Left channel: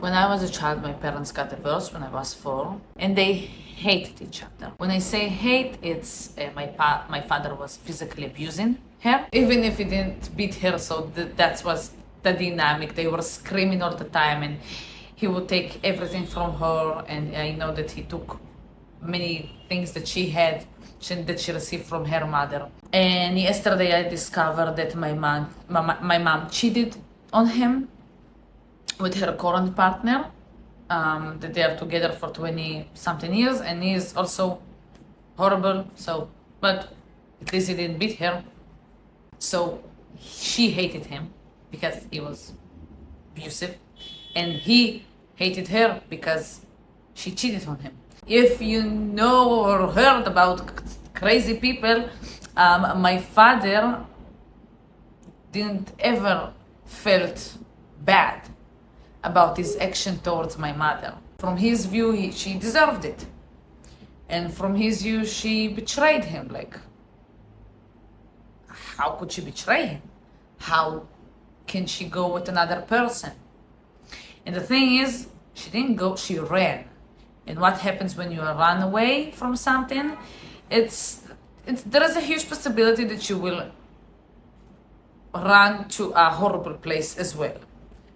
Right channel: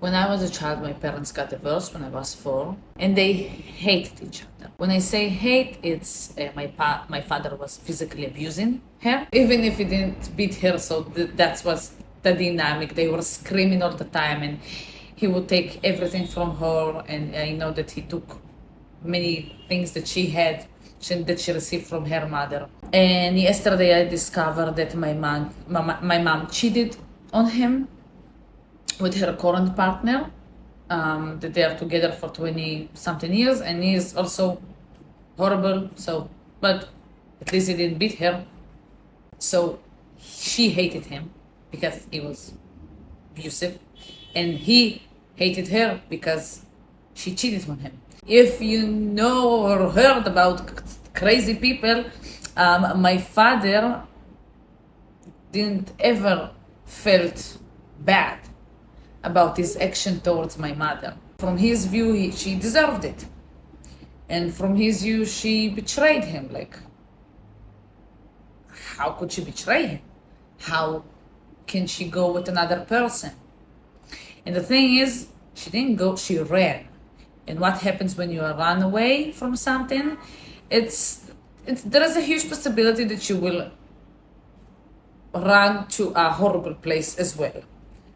When I was a child, my parents got divorced when I was 4, and they hated each other. When I say hate, it's my father was physically abusing her, even if he didn't beat her. So that was the dynamic. They were screaming all the time, and he would take everything from her. And I know that he took many things that she had that she received from her mother. And yesterday, I discovered that my mom cheated on him with her current partner, that they are together for 20 something years, and he is also horrible. So, but at least he didn't beat her. So she hated him because he was abusive, and he hated her because she cheated on him. If you know or heard about crazy people, my father didn't ever felt bad about his action towards my mother. From his view, she deserved it. And from his view, she betrayed him. Like, how could she betray him? How can she go with another person? And the thing is, she didn't go, she ran. And what happens when you run away from something? There is a huge possibility that you will run to a horrible place as well,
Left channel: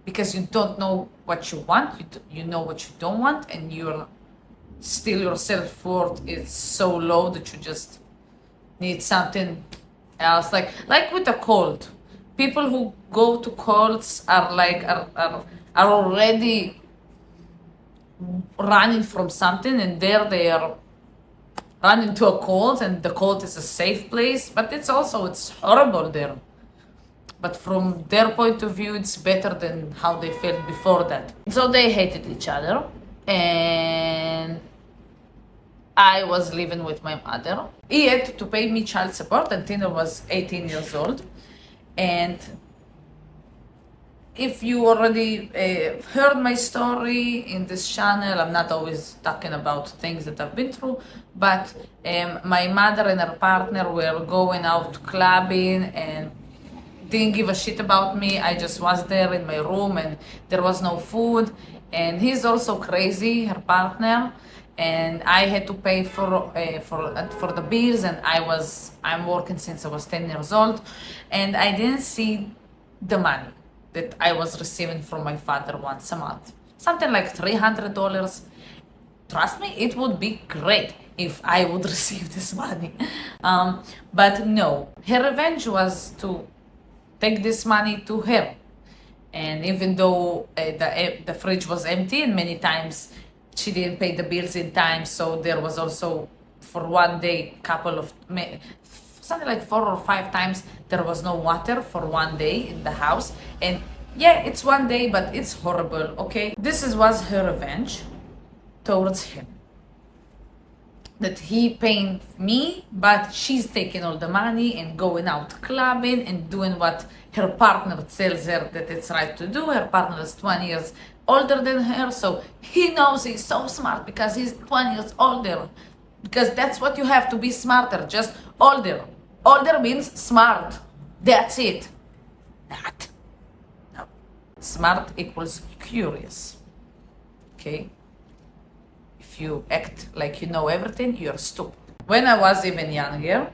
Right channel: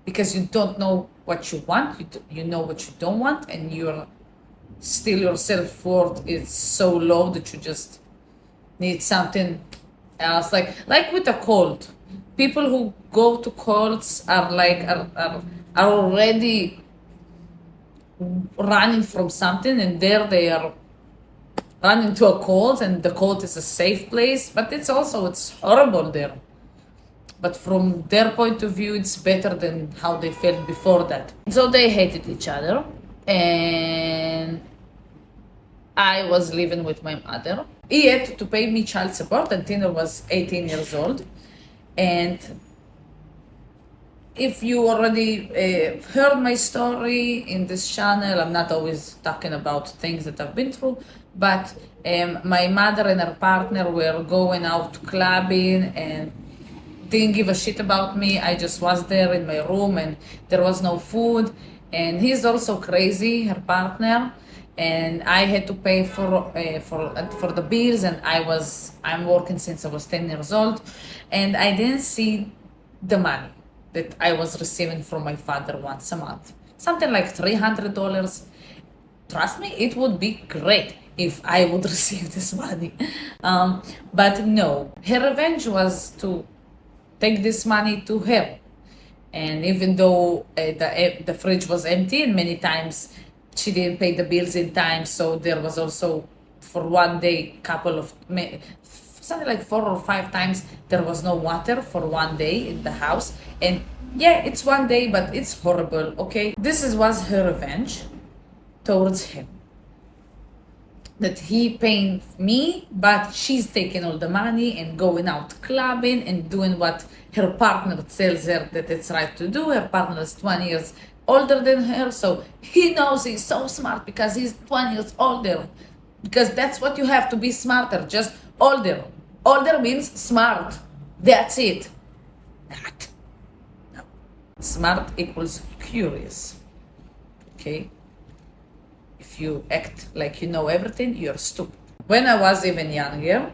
because you don't know what you want, you know what you don't want, and your self-worth is so low that you just need something else. Like with a cold, people who go to colds are already running from something, and there they are running to a cold, and the cold is a safe place, but it's horrible there. But from their point of view, it's better than how they felt before that. So they hated each other, and I was living with my mother. He had to pay me child support until I was 18 years old. And if you already heard my story in this channel, I'm not always talking about things that I've been through, but my mother and her partner were going out clubbing and didn't give a shit about me. I just was there in my room, and there was no food. And he's also crazy, her partner, and I had to pay for the bills. And I'm working since I was 10 years old, and I didn't see the money that I was receiving from my father once a month, something like $300. Trust me, it would be great if I would receive this money, but no. Her revenge was to take this money to her. And even though the fridge was empty, and many times she didn't pay the bills in time, so there was also for one day something like 4 or 5 times there was no water for one day in the house. And yeah, it's one day, but it's horrible. Okay, was her revenge towards him, that he paying me, but she's taking all the money and going out clubbing and doing what her partner tells her that it's right to do. Her partner is 20 years older than her, so he knows he's so smart because he's 20 years older. Because that's what you have to be smarter, just older. Older means smart. That's it. Not. No. Smart equals curious. Okay? If you act like you know everything, you're stupid. When I was even younger,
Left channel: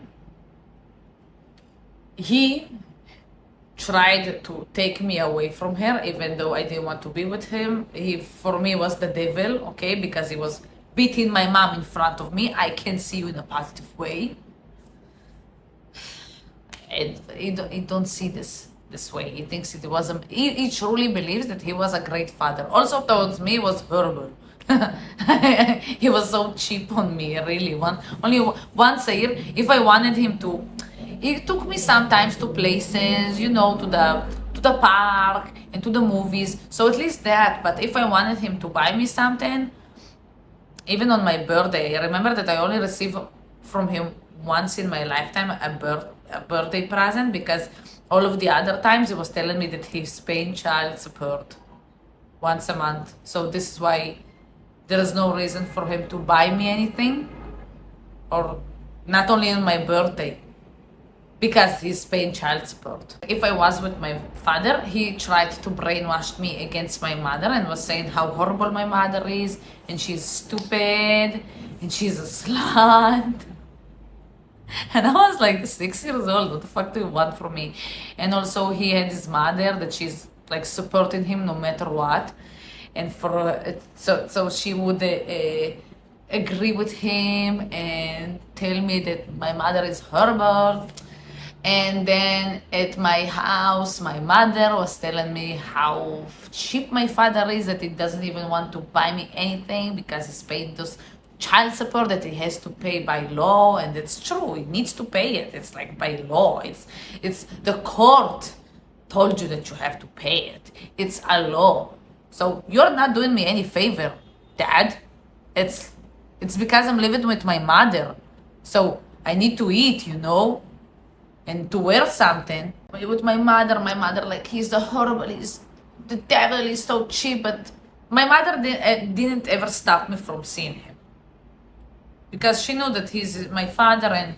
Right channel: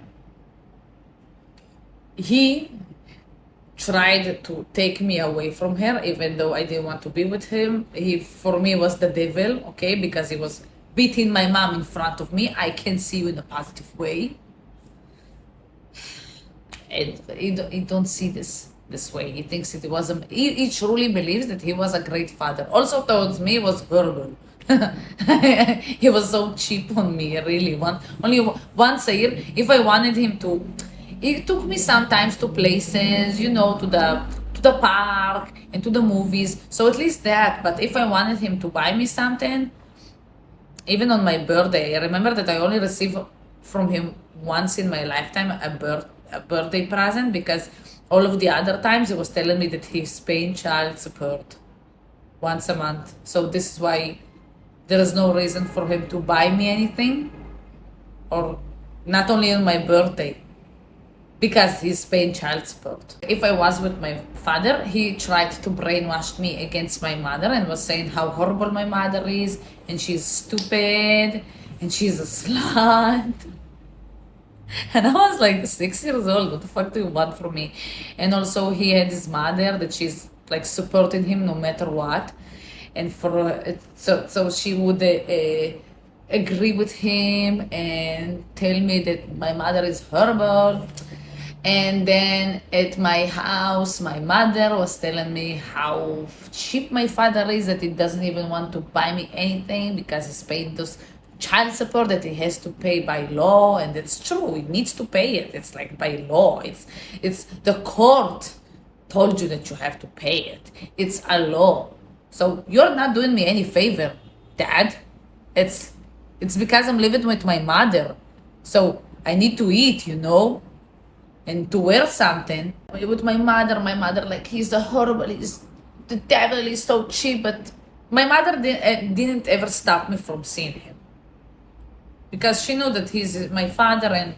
he tried to take me away from her, even though I didn't want to be with him. He, for me, was the devil, okay, because he was beating my mom in front of me. I can see you in a positive way. And he don't see this way. He thinks he truly believes that he was a great father. Also towards me, was horrible. He was so cheap on me, really. Only once a year, if I wanted him to, he took me sometimes to places, to the park and to the movies. So at least that. But if I wanted him to buy me something, even on my birthday, I remember that I only received from him once in my lifetime a birthday present, because all of the other times he was telling me that he's paying child support once a month. So this is why there is no reason for him to buy me anything, or not only on my birthday. because he's paying child support. If I was with my father, he tried to brainwash me against my mother and was saying how horrible my mother is, and she's stupid, and she's a slut. And I was like 6 years old. What the fuck do you want from me? And also, he had his mother that she's like supporting him no matter what, and so she would agree with him and tell me that my mother is horrible. And then at my house, my mother was telling me how cheap my father is, that he doesn't even want to buy me anything because he's paying those child support that he has to pay by law. And it's true, he needs to pay it. It's like by law. It's the court told you that you have to pay it. It's a law. So you're not doing me any favor, Dad. It's because I'm living with my mother. So I need to eat, and to wear something. With my mother, like, he's the horrible, he's the devil, he's so cheap. But my mother didn't ever stop me from seeing him, because she knew that he's my father, and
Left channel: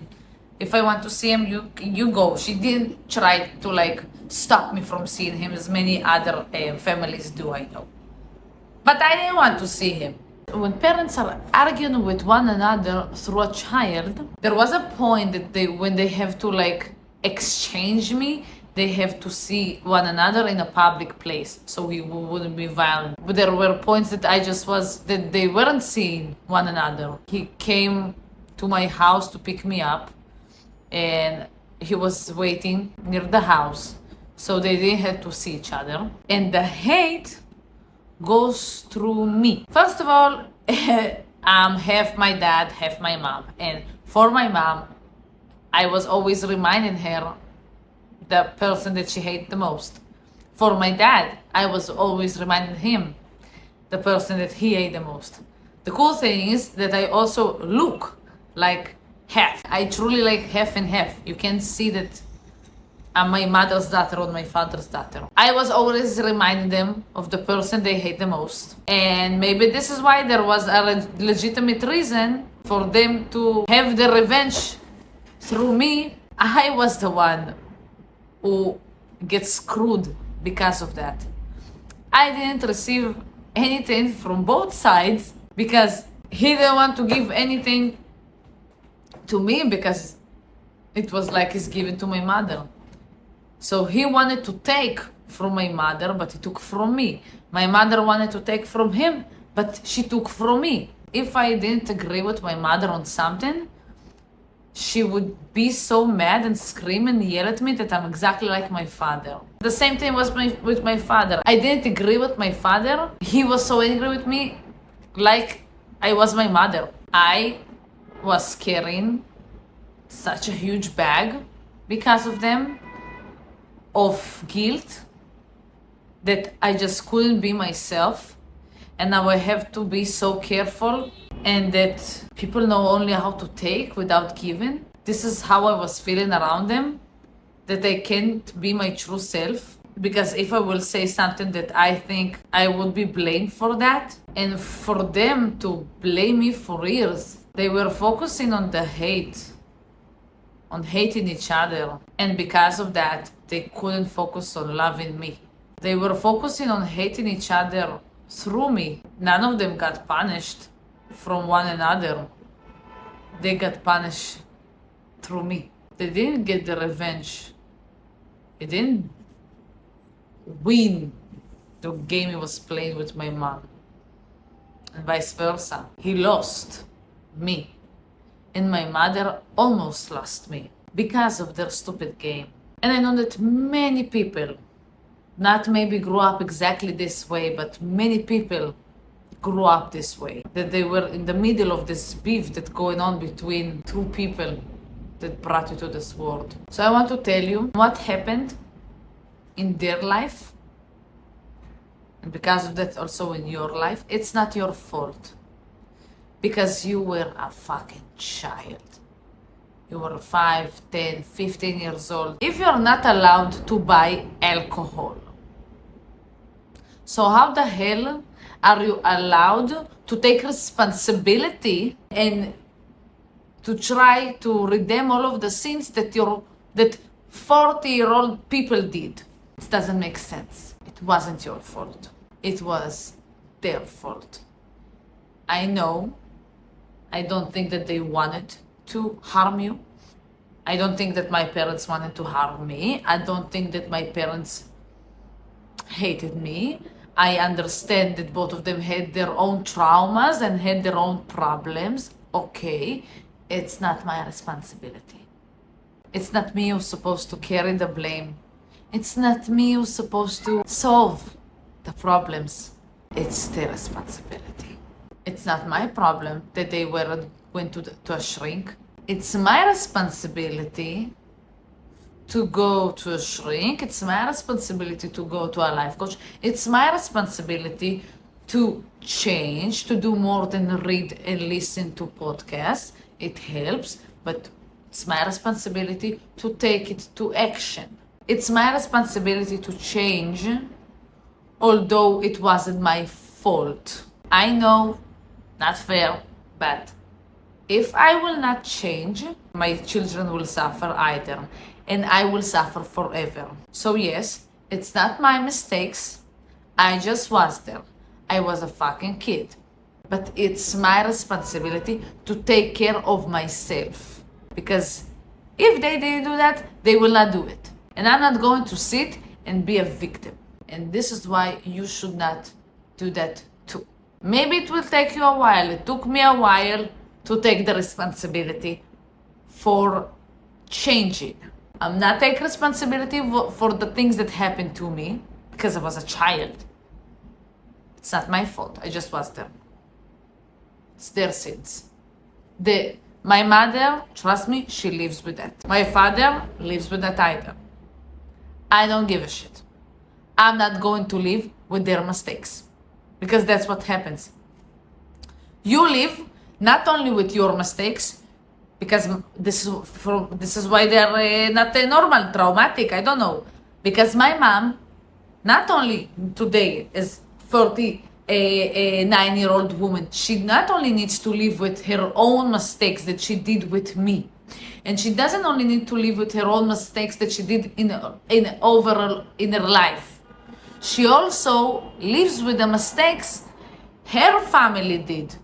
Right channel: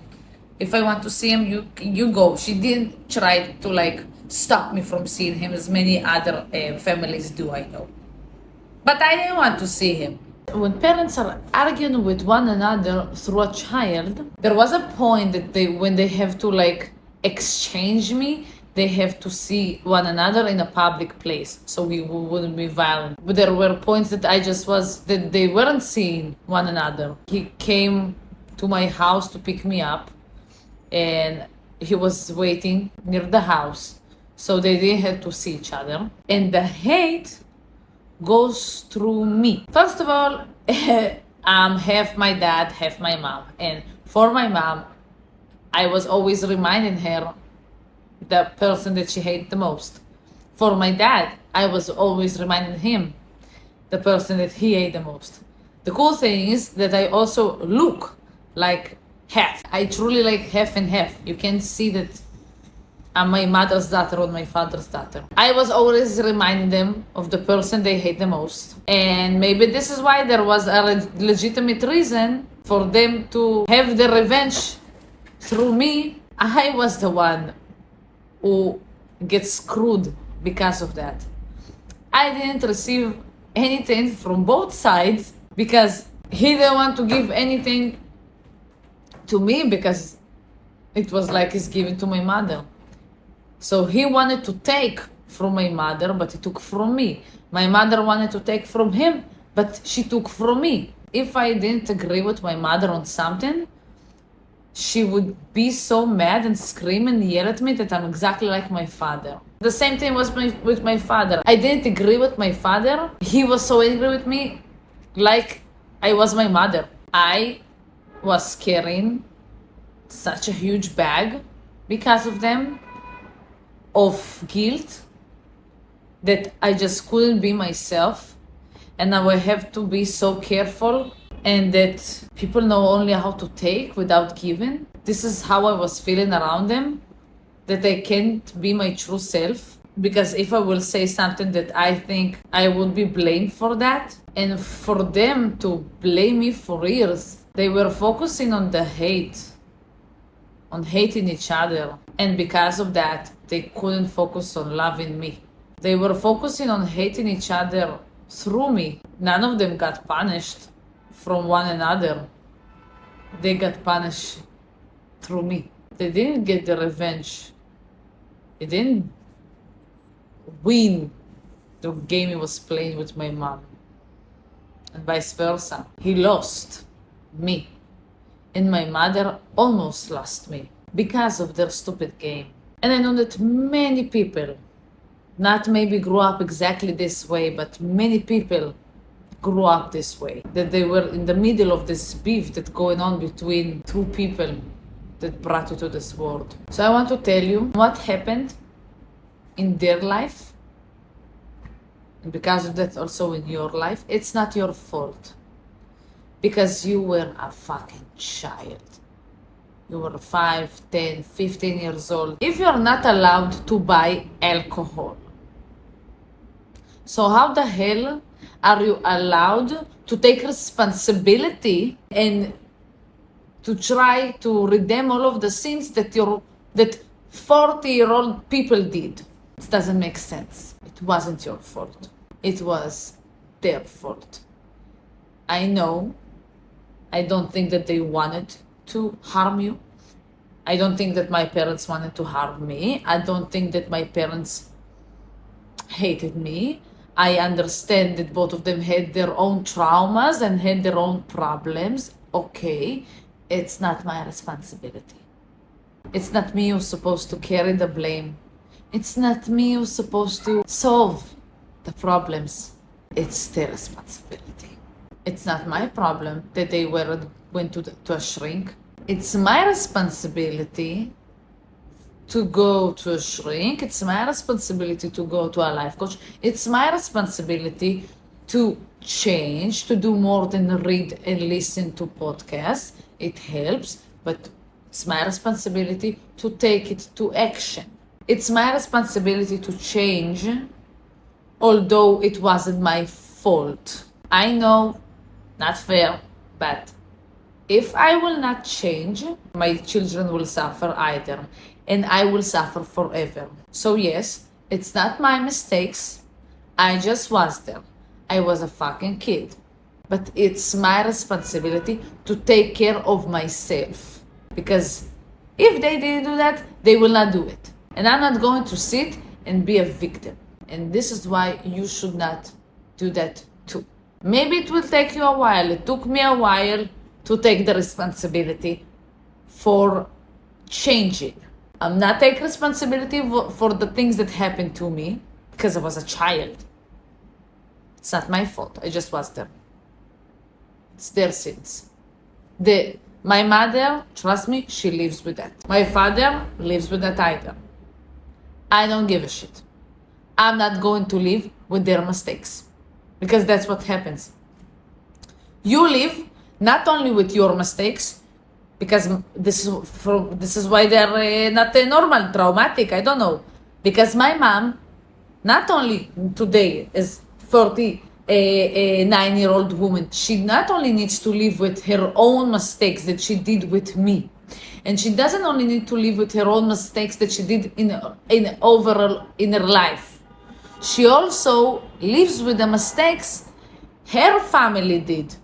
if I want to see him, you go. She didn't try to like stop me from seeing him as many other families do, I know. But I didn't want to see him. When parents are arguing with one another through a child, there was a point that when they have to like exchange me, they have to see one another in a public place, so we wouldn't be violent. But there were points that they weren't seeing one another. He came to my house to pick me up, and he was waiting near the house, so they didn't have to see each other. And the hate goes through me. First of all, half my dad, half my mom. And for my mom, I was always reminding her the person that she hated the most. For my dad, I was always reminding him the person that he hated the most. The cool thing is that I also look like half. I truly like half and half. You can see that I'm my mother's daughter or my father's daughter. I was always reminding them of the person they hate the most. And maybe this is why there was a legitimate reason for them to have the revenge through me. I was the one who gets screwed because of that. I didn't receive anything from both sides because he didn't want to give anything to me, because it was like he's giving to my mother. So he wanted to take from my mother, but he took from me. My mother wanted to take from him, but she took from me. If I didn't agree with my mother on something, she would be so mad and scream and yell at me that I'm exactly like my father. The same thing was with my father. I didn't agree with my father. He was so angry with me, like I was my mother. I was carrying such a huge bag because of them, of guilt, that I just couldn't be myself, and now I have to be so careful, and that people know only how to take without giving. This is how I was feeling around them, that I can't be my true self, because if I will say something that I think I would be blamed for that, and for them to blame me for years, they were focusing on the hate, on hating each other, and because of that, they couldn't focus on loving me. They were focusing on hating each other through me. None of them got punished from one another. They got punished through me. They didn't get the revenge. They didn't win the game he was playing with my mom, and vice versa. He lost me, and my mother almost lost me because of their stupid game. And I know that many people, not maybe grew up exactly this way, but many people grew up this way, that they were in the middle of this beef that's going on between two people that brought you to this world. So I want to tell you what happened in their life, and because of that also in your life. It's not your fault, because you were a fucking child. You were 5, 10, 15 years old. If you're not allowed to buy alcohol, so how the hell are you allowed to take responsibility and to try to redeem all of the sins that your that 40-year-old people did. It doesn't make sense. It wasn't your fault. It was their fault. I know. I don't think that they wanted to harm you. I don't think that my parents wanted to harm me. I don't think that my parents hated me. I understand that both of them had their own traumas and had their own problems. Okay, it's not my responsibility. It's not me who's supposed to carry the blame. It's not me who's supposed to solve the problems. It's their responsibility. It's not my problem that they went to a shrink. It's my responsibility to go to a shrink. It's my responsibility to go to a life coach. It's my responsibility to change, to do more than read and listen to podcasts. It helps, but it's my responsibility to take it to action. It's my responsibility to change, although it wasn't my fault. I know, not fair, but if I will not change, my children will suffer either, and I will suffer forever. So yes, it's not my mistakes. I just was there. I was a fucking kid. But it's my responsibility to take care of myself. Because if they didn't do that, they will not do it. And I'm not going to sit and be a victim. And this is why you should not do that too. Maybe it will take you a while. It took me a while to take the responsibility for changing. I'm not taking responsibility for the things that happened to me because I was a child. It's not my fault. I just was there. It's their sins. My mother, trust me, she lives with that. My father lives with that either. I don't give a shit. I'm not going to live with their mistakes because that's what happens. You live not only with your mistakes, because this is why they're not normal, traumatic, I don't know. Because my mom, not only today is 49-year-old woman, she not only needs to live with her own mistakes that she did with me, and she doesn't only need to live with her own mistakes that she did in overall in her life. She also lives with the mistakes her family did.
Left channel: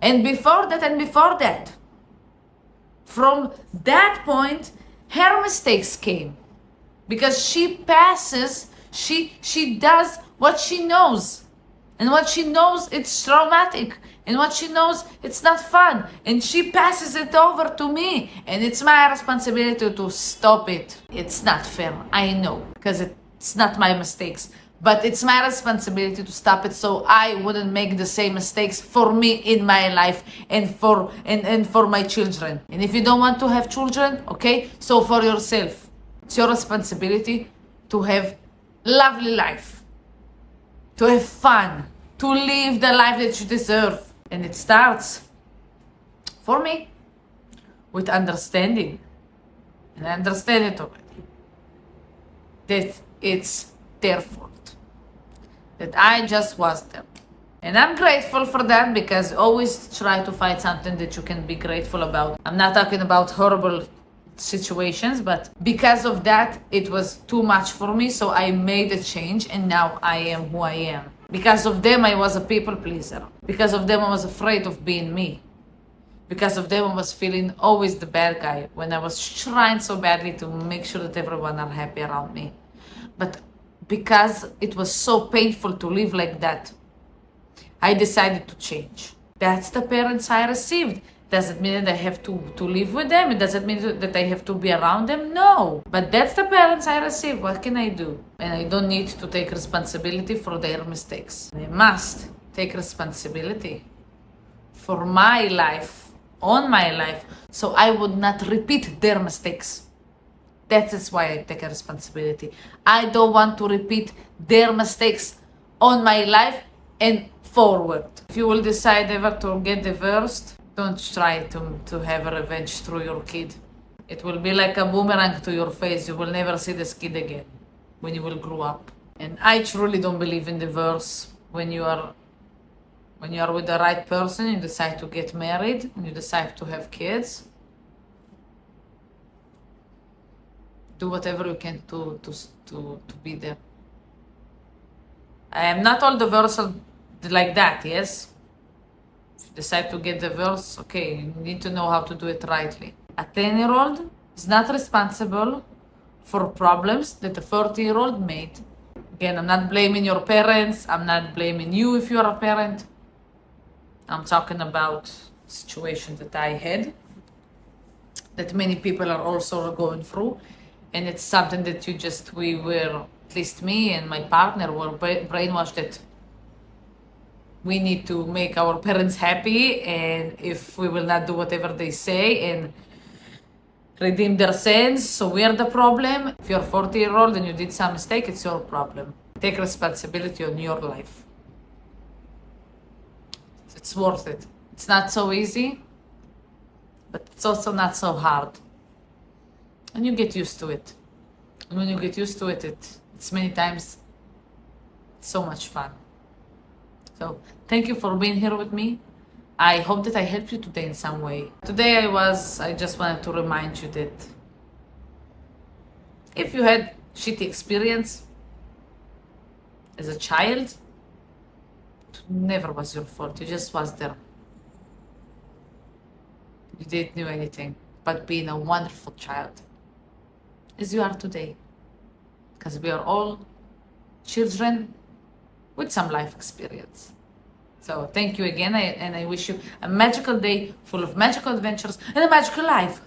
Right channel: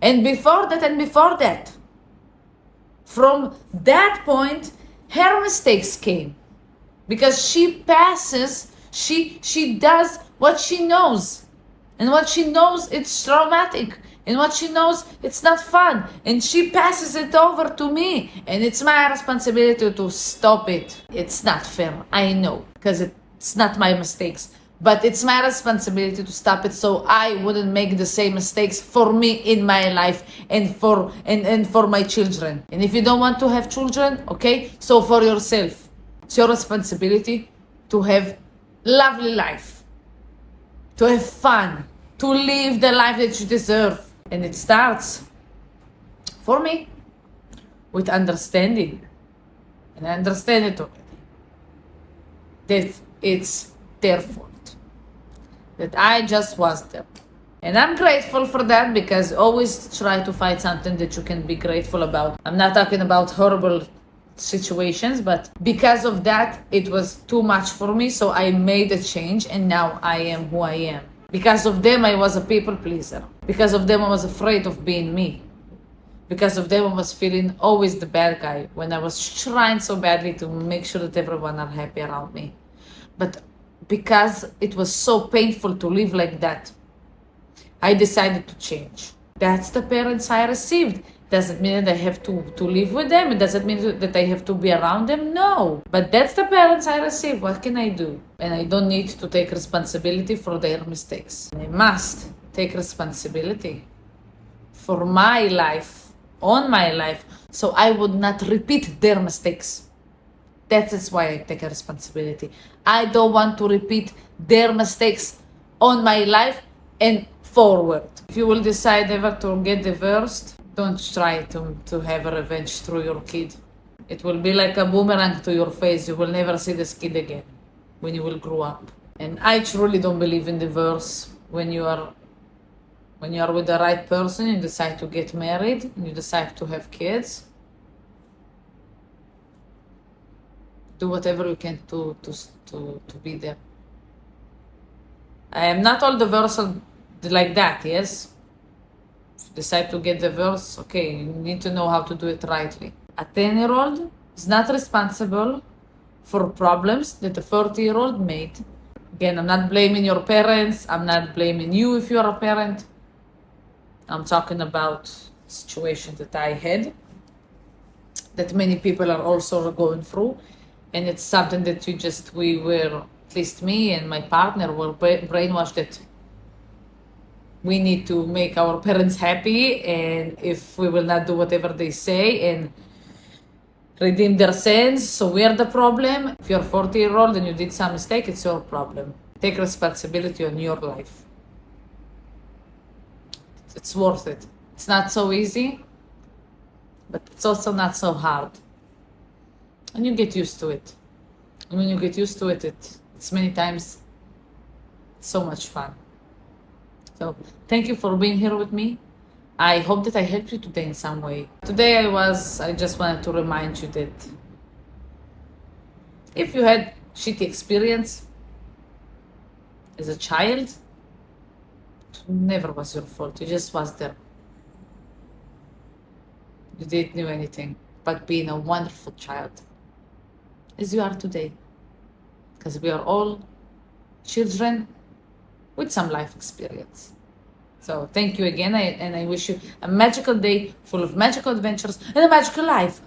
And before that. From that point, her mistakes came. Because she passes, she does what she knows. And what she knows, it's traumatic. And what she knows, it's not fun. And she passes it over to me. And it's my responsibility to stop it. It's not fair, I know. Because it's not my mistakes. But it's my responsibility to stop it so I wouldn't make the same mistakes for me in my life and for my children. And if you don't want to have children, okay, so for yourself. It's your responsibility to have lovely life, to have fun, to live the life that you deserve. And it starts, for me, with understanding. And I understand it already. That it's their fault. That I just was there. And I'm grateful for that because always try to find something that you can be grateful about. I'm not talking about horrible situations, but because of that, it was too much for me. So I made a change and now I am who I am. Because of them, I was a people pleaser. Because of them, I was afraid of being me. Because of them, I was feeling always the bad guy when I was trying so badly to make sure that everyone are happy around me. But because it was so painful to live like that, I decided to change. That's the parents I received. Does it mean that I have to live with them? It doesn't mean that I have to be around them? No. But that's the parents I received. What can I do? And I don't need to take responsibility for their mistakes. I must take responsibility for my life, on my life, so I would not repeat their mistakes. That is why I take a responsibility. I don't want to repeat their mistakes on my life and forward. If you will decide ever to get divorced, don't try to have a revenge through your kid. It will be like a boomerang to your face. You will never see this kid again when you will grow up. And I truly don't believe in divorce. When you are with the right person, you decide to get married, and you decide to have kids. do whatever you can to be there. I am not all divorce like that, yes? If you decide to get divorced, okay, you need to know how to do it rightly. A 10-year-old is not responsible for problems that a 40-year-old made. Again, I'm not blaming your parents. I'm not blaming you if you're a parent. I'm talking about situations that I had, that many people are also going through. And it's something that we were, at least me and my partner, were brainwashed that we need to make our parents happy, and if we will not do whatever they say and redeem their sins, so we are the problem. If you're 40-year-old and you did some mistake, it's your problem. Take responsibility on your life. It's worth it. It's not so easy, but it's also not so hard. And you get used to it. And when you get used to it, it's many times so much fun. So thank you for being here with me. I hope that I helped you today in some way. Today I just wanted to remind you that if you had shitty experience as a child, it never was your fault. You just was there. You didn't know anything but being a wonderful child, as you are today. Because we are all children with some life experience. So thank you again, and I wish you a magical day full of magical adventures and a magical life.